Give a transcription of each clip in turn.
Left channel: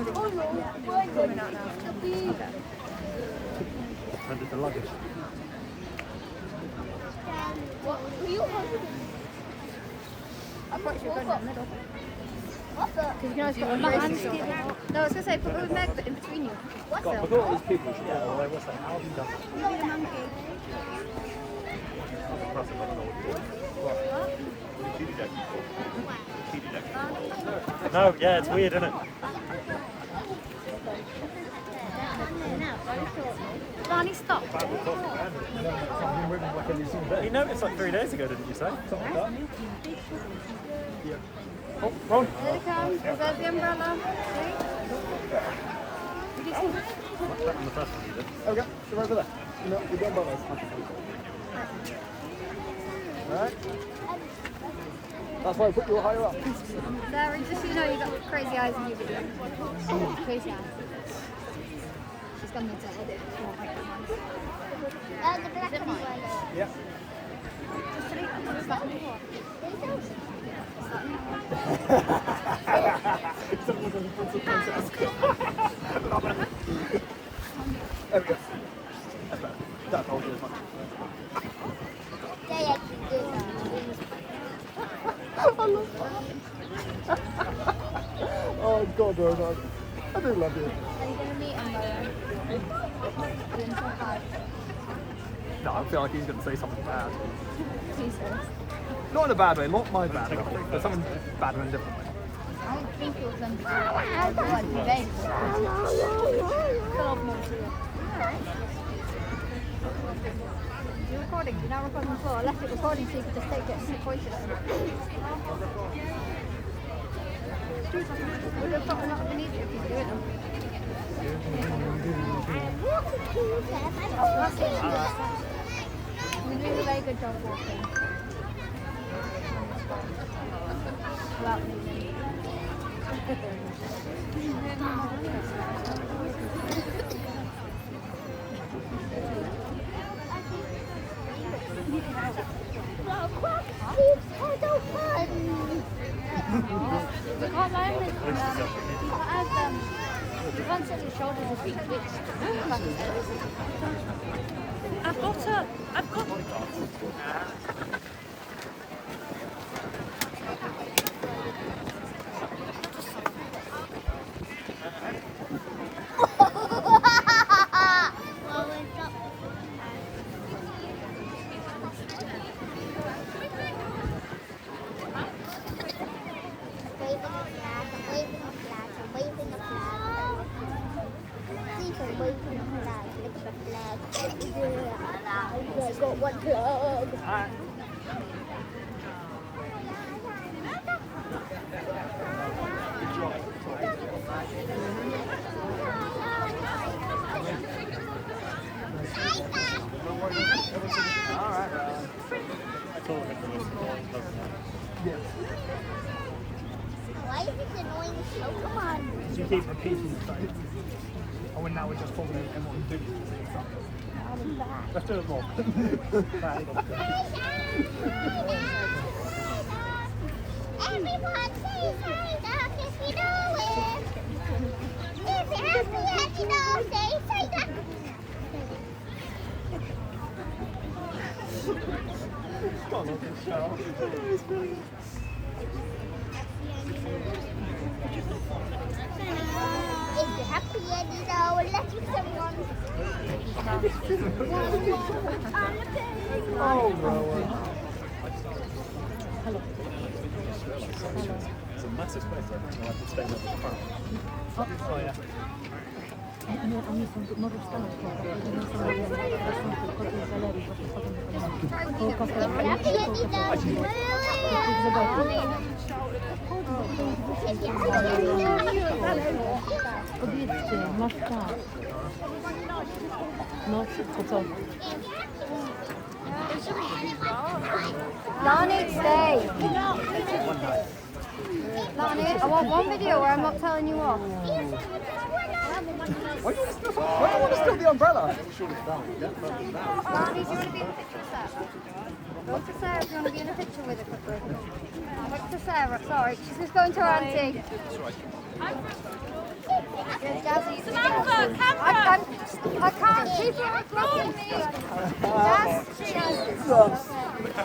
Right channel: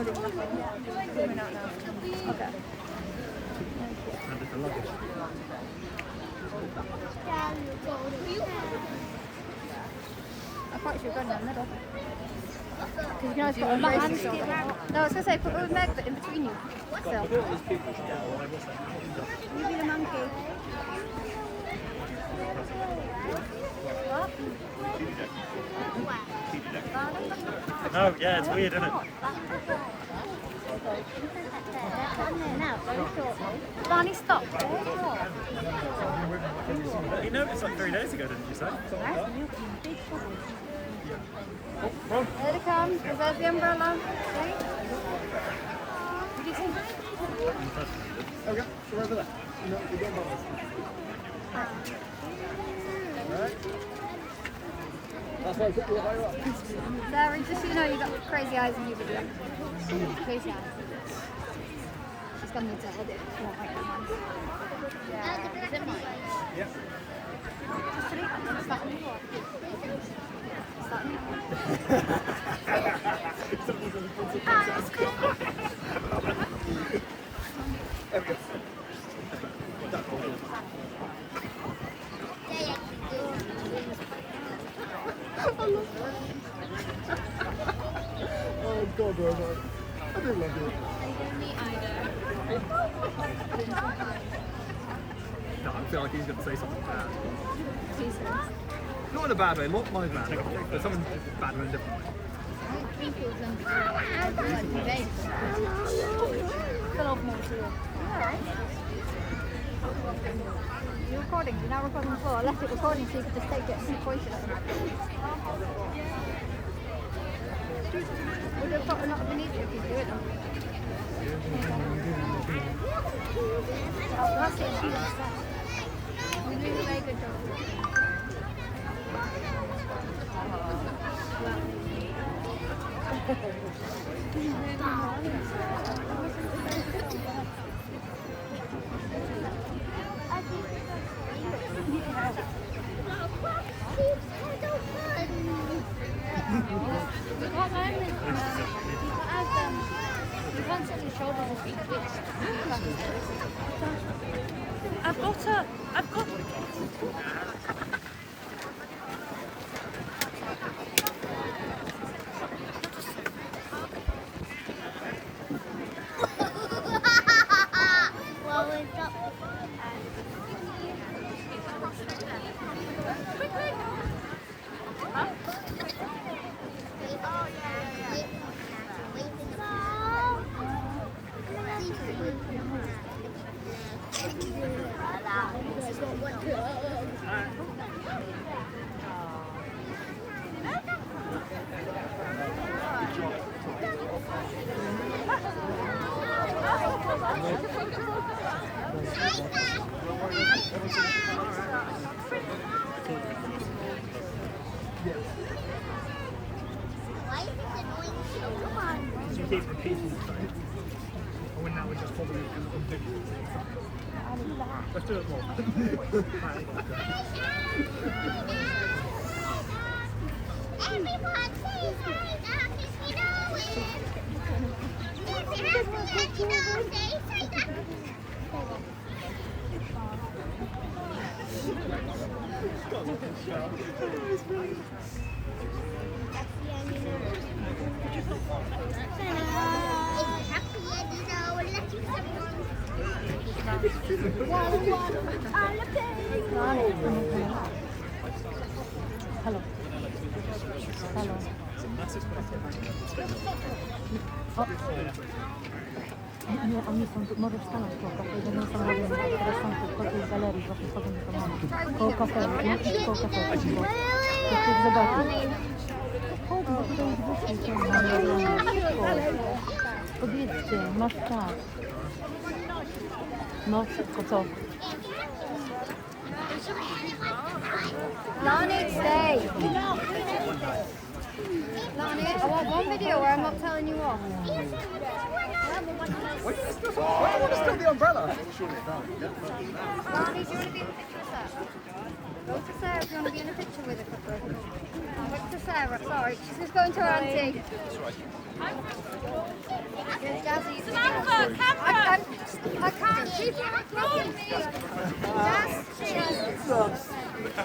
Coming out now. Okay. And the luggage. I thought you were going in the middle. Because you can always put a brace. No, I was going to say, put a Meg in between you. What's I that? thought these people should get away. What's that? How have you done? You be the monkey. What? No, yeah, it's weird, isn't it? Barney, stop. You noticed like 3 days ago, didn't you say? Oh, Here it comes. There's the umbrella. See? What do you think? Okay, so over there. No, we don't bother. Right. That's why I put you higher up. Sarah, just so you know, you've got crazy eyes in your video. Crazy eyes. She's going to need to edit it. She won't like that one. Is it mine? Yeah. Just put it on. Start on the floor. Start on the floor. There we go. That's all good. Oh God, Bernard. I do love you. Are you going to meet him, No, I feel like he's going to say something bad. Jesus. Not in a bad way, not my bad way, but something bad in a different way. I don't think it was going to be good. Fill off more to you. Alright. You're recording, you're now recording the floor. I left it recording so you could just take it and point it at him. Would have thought not have been easier if you do it though. Oh, that's it. You're doing a very good job walking. You can't learn it. You can't set your shoulders if you twitch. I've got her. I've got You keep repeating the same. Or now we're just following everyone doing it. Let's do it more. Everyone say sorry, Doc, if you know it. If you have to let you know, say Doc. If you're happy and you know, let someone. Hello. It's a massive space there, I have to stay with the front. Oh, yeah. Oni są, możesz stanąć nie są koło tej galerii, właśnie chodzą do domu. Koło kafe, Powiedzcie, masz czas. No, to co? Lonnie, stay! Lonnie, I want one video where I'm not telling you off. I want to steal the umbrella. Lonnie, do you want to be in the picture with Sarah? Go to Sarah if you want to be in a picture with her quickly. Look to Sarah, sorry, she's just going to her auntie. That's right. I can't keep it recording me. Jazz, she has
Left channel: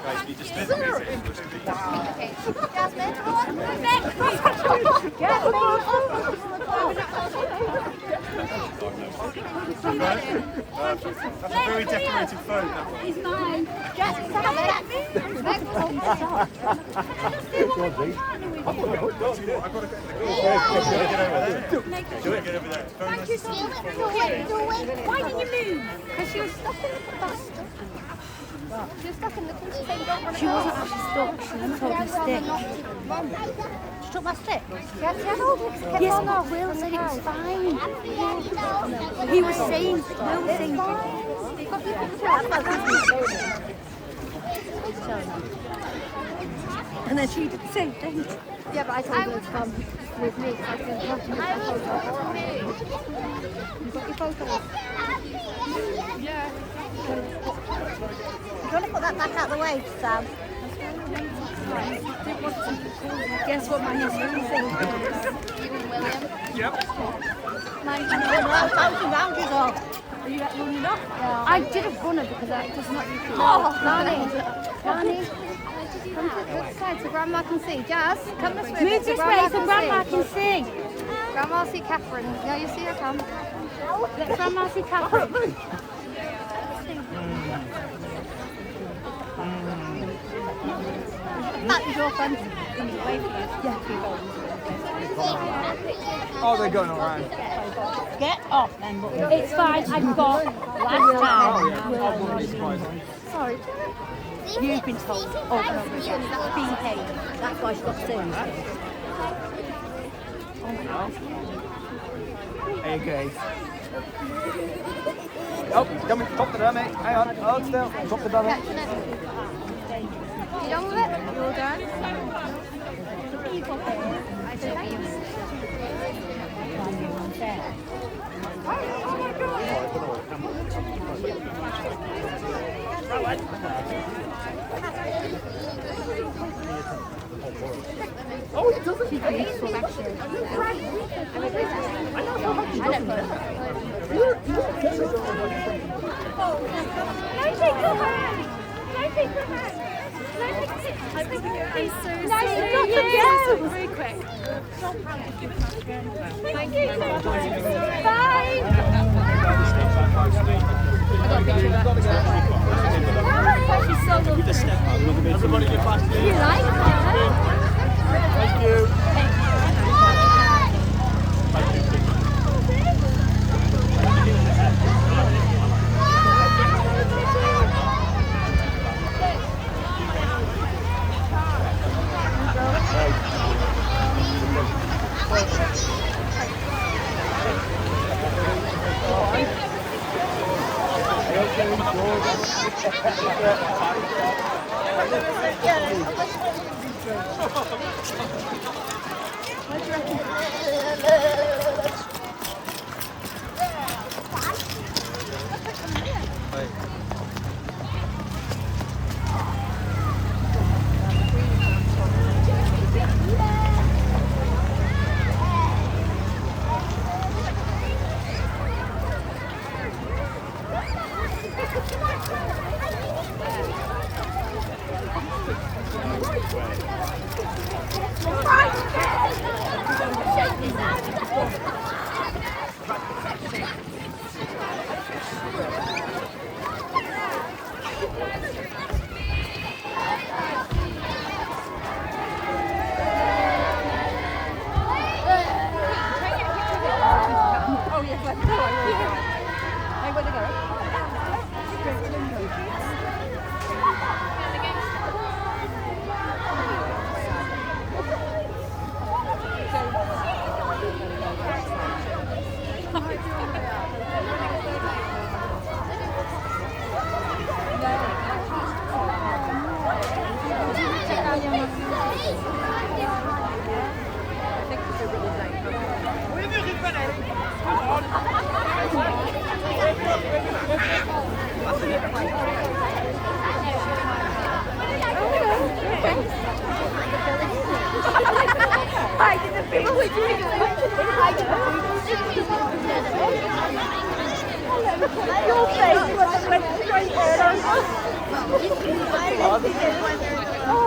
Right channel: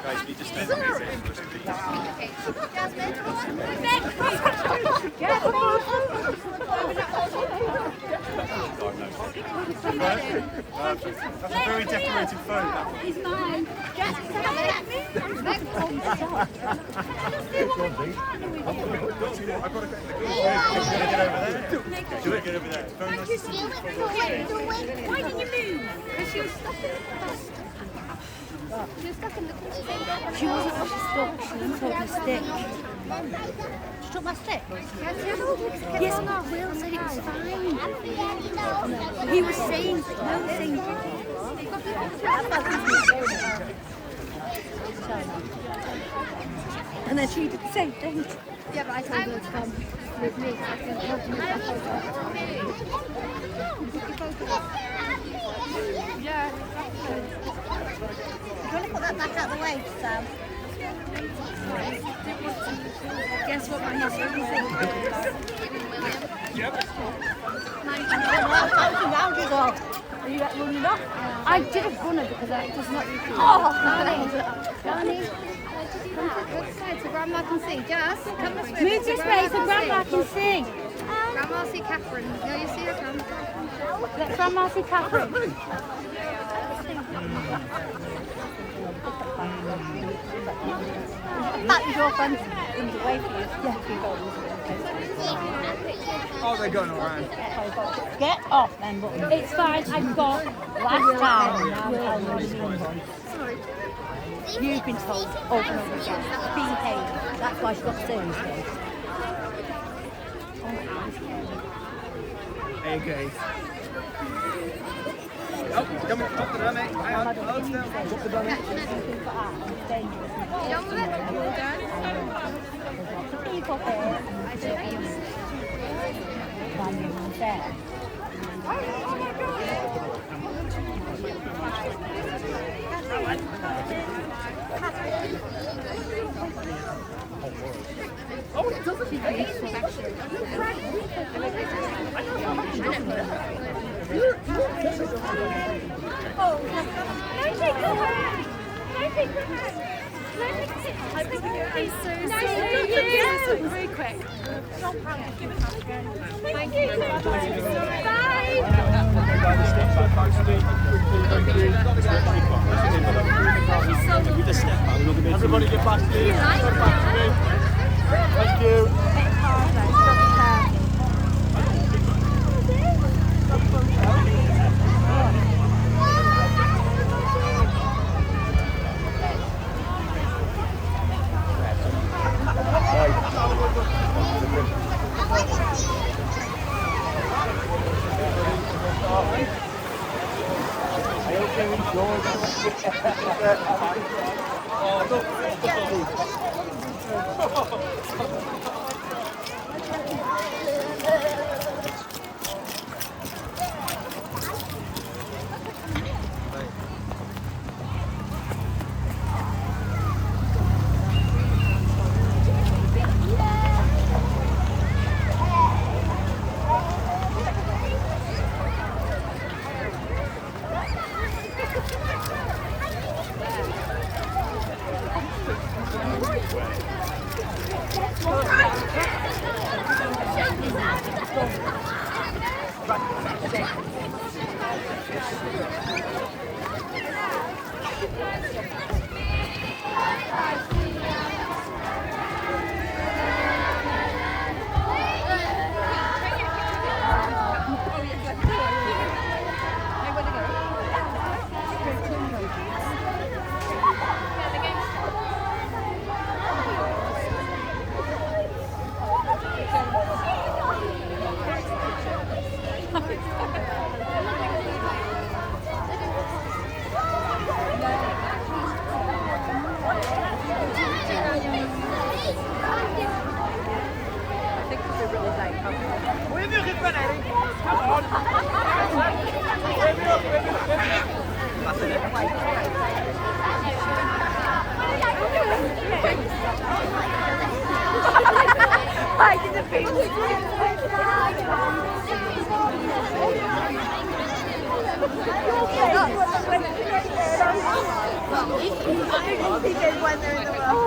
Guys, you just did Jasmine, Jasmine, That's a very decorated phone, that one. he's mine. Jasmine, Meg told me to stop. I've got to get over there. Do it, get over there. Very nice to see you. Why didn't you move? Because she was stuck in the bus. She was stuck in the She wasn't actually stuck, she was holding a stick. She took my stick? Yeah, she had all this kept Yes, on but off. Will said it was fine. He was saying, Will saying, and then she did the same thing. Yeah, but I told her to come with me. I was going to have to use your photos. Yeah. Do you want to put that back out the way, Sam? Guess what my husband thinks? Rounders off. Are you running off? I did a runner because I was not used to it. Oh, Nani, come to the side so Grandma can see. Jazz, come this way. Move this way so Grandma can see. Grandma see Catherine. Yeah, you see her come. Let Grandma see Catherine. That is your friend in the way for you. Yeah. Oh, they're going around. Get off then, but it's fine. I've got last time. Sorry. You've been told over and over again. Behave. That's why she's got to say these things. Hey, guys. Oh, coming. Drop the dummy. Hang on. Hold still. Drop the dummy. You done with it? You all done? People here. I don't know. Oh my God. Oh, it doesn't. She's beautiful, actually. I don't know. Oh, no, take your hand. No, take your hand. No, take it. He's so sweet. Very quick. Thank you. Bye. With the step out, we're not going to be able to get back. You like it? Thank you. I did the big I did when they're in the Oh,